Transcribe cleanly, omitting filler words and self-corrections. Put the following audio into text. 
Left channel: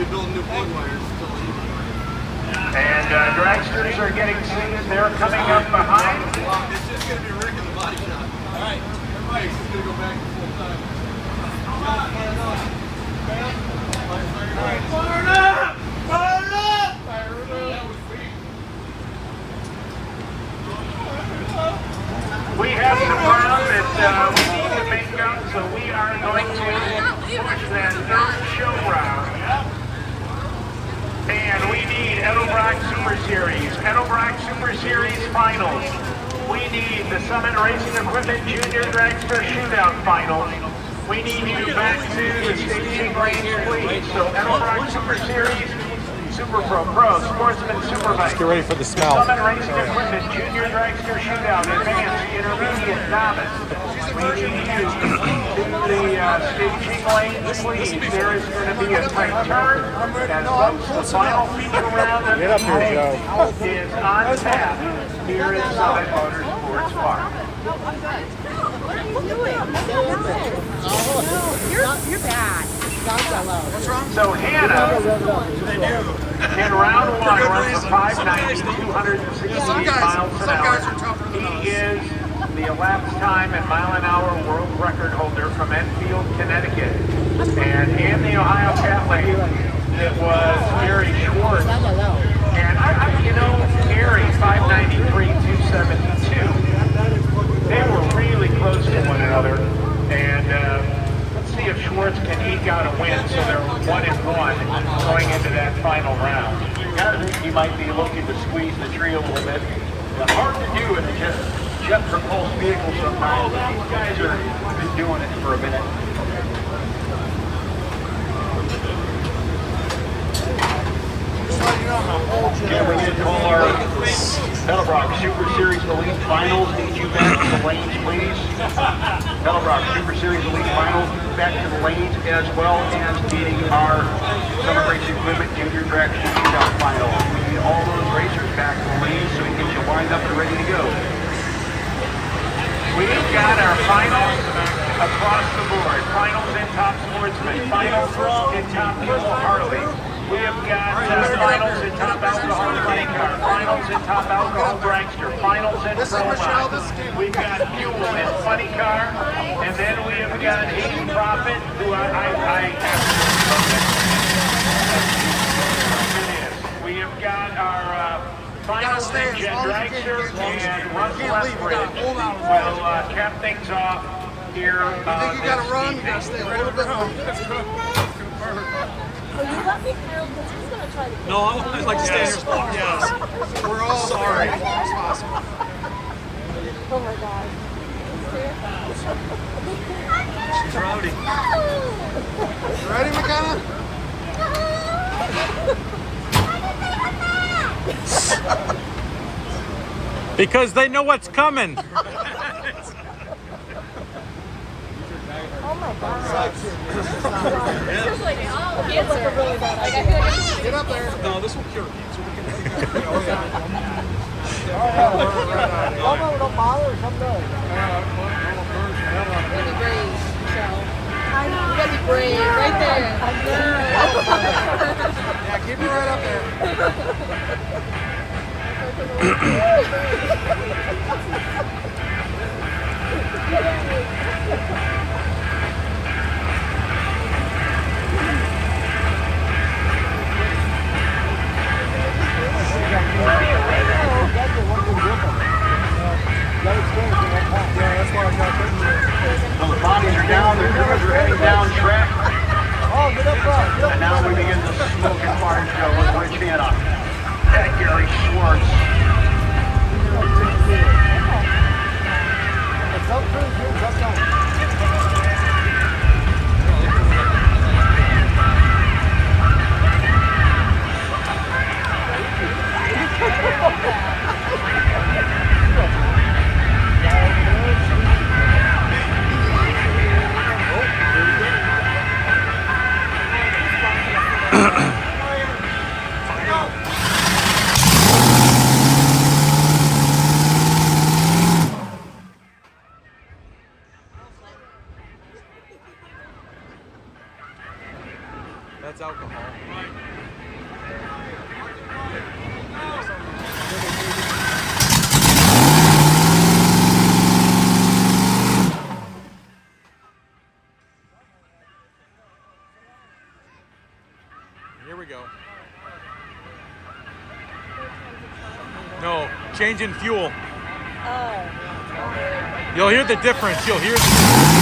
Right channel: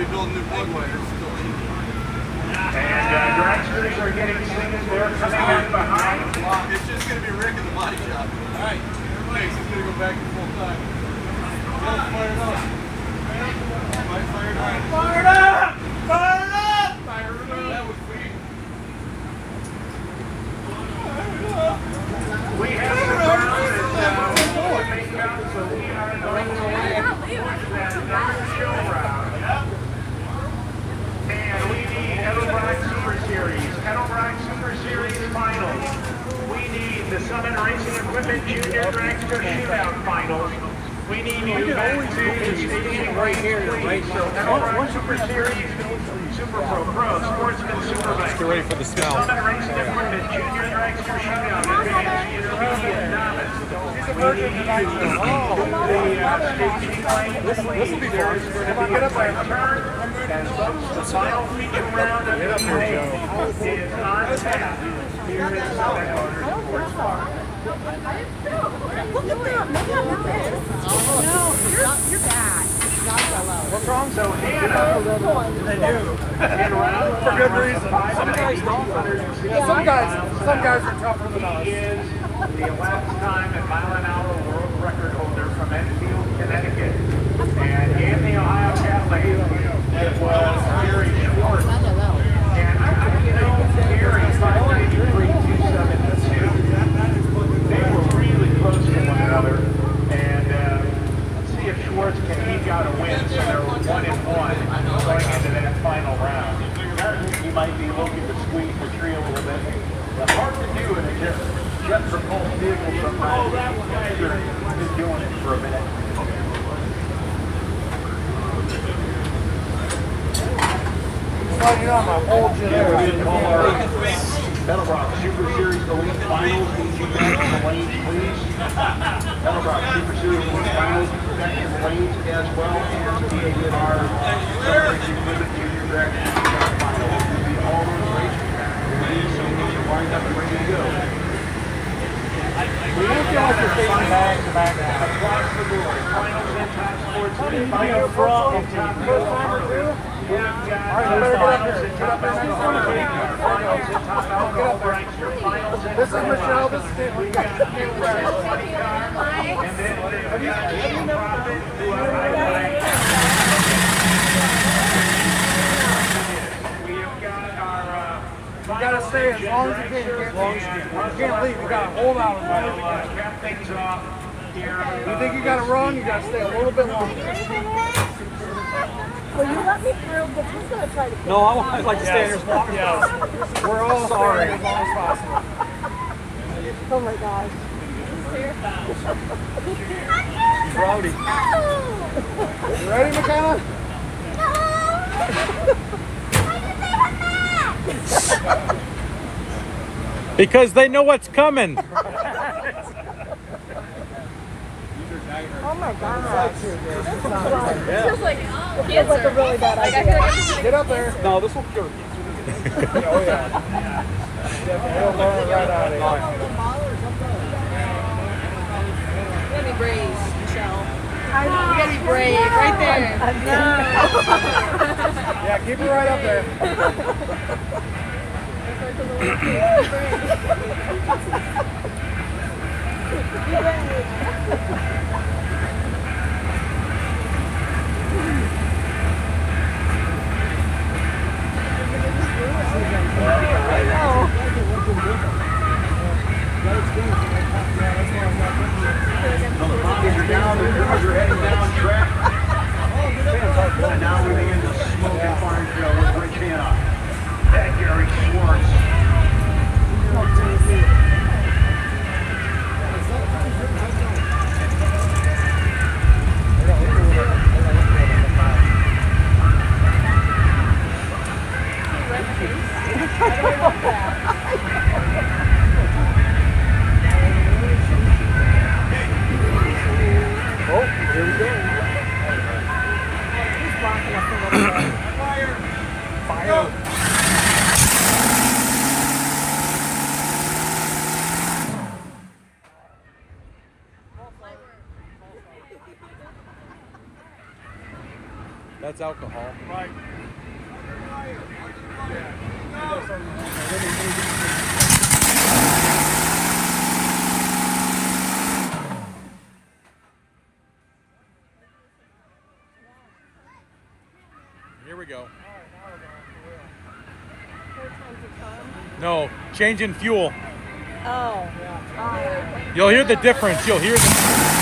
be building new plug wires. And dragsters are getting seen. They're coming in behind. It's just going to be Rick in the body shop. All right. Everybody's just going to go back to full time. Fire it up. Fire it up! Fire it up! That was sweet. We have some rounds that we need to make up, so we are going to push that show round. And we need Edelrock Super Series, Edelrock Super Series Finals. We need the Summit Racing Equipment Junior Dragster Shootout Finals. We need to go back to the staging race. So Edelrock Super Series, Super Pro, Sportsman, Superbike. Just get ready for the smell. Summit Racing Equipment Junior Dragster Shootout, Advanced, Intermediate, Novice. We need to do the staging lanes. There is going to be a tight turn. And folks, the final feature round of the evening is on tap here in Summit Motorsports Park. You're bad. What's wrong? So Hannah, in round one, runs the 590, 260 miles. Some guys are tougher than us. He is the 11th time and mile-an-hour world record holder from Enfield, Connecticut. And in the Ohio Catholic, it was Gary Schwartz. And you know, Gary, 593, 272. They were really close to one another. And let's see if Schwartz can eke out a win. So they're 1-1 going into that final round. You might be looking to squeeze the tree a little bit. It's hard to do if you just jet propulsed vehicles. Oh, that guys have been doing it for a minute. Can we call our Edelrock Super Series Elite Finals? Did you back in the lanes, please? Edelrock Super Series Elite Finals back in the lanes, as well as getting our Racing Equipment Junior Dragster Shootout Final. We need all those racers back in the lanes so we get you lined up and ready to go. We've got our finals across the board. Finals in Top Sportsman, finals in Top Pro Harley. We have got finals in Top Alcohol Car, finals in Top Alcohol Dragster, finals in Pro. We've got Fuel in Funny Car, and then we have got Aiden Profit, who we have got our finals in Jet Dragster and Russell We'll cap things off here. You think you gotta run, you gotta stay a little bit longer. Well, you let me through because he's going to try to... No, I'd like to stay here as long as possible. We're all sorry. as long as possible. Oh my God. Rowdy. You ready, McKenna? Because they know what's coming. Just like, it's like a really bad idea. Get up there. No, this will cure. Oh, yeah. Really brave. Really brave. Right there. Yeah, keep it right up there. The bodies are down, the numbers are heading down track. And now moving into the smoking farm show with Rich Hanna and Gary Schwartz. That's alcohol. Right. Here we go. No, changing fuel. You'll hear the difference. You'll hear the difference.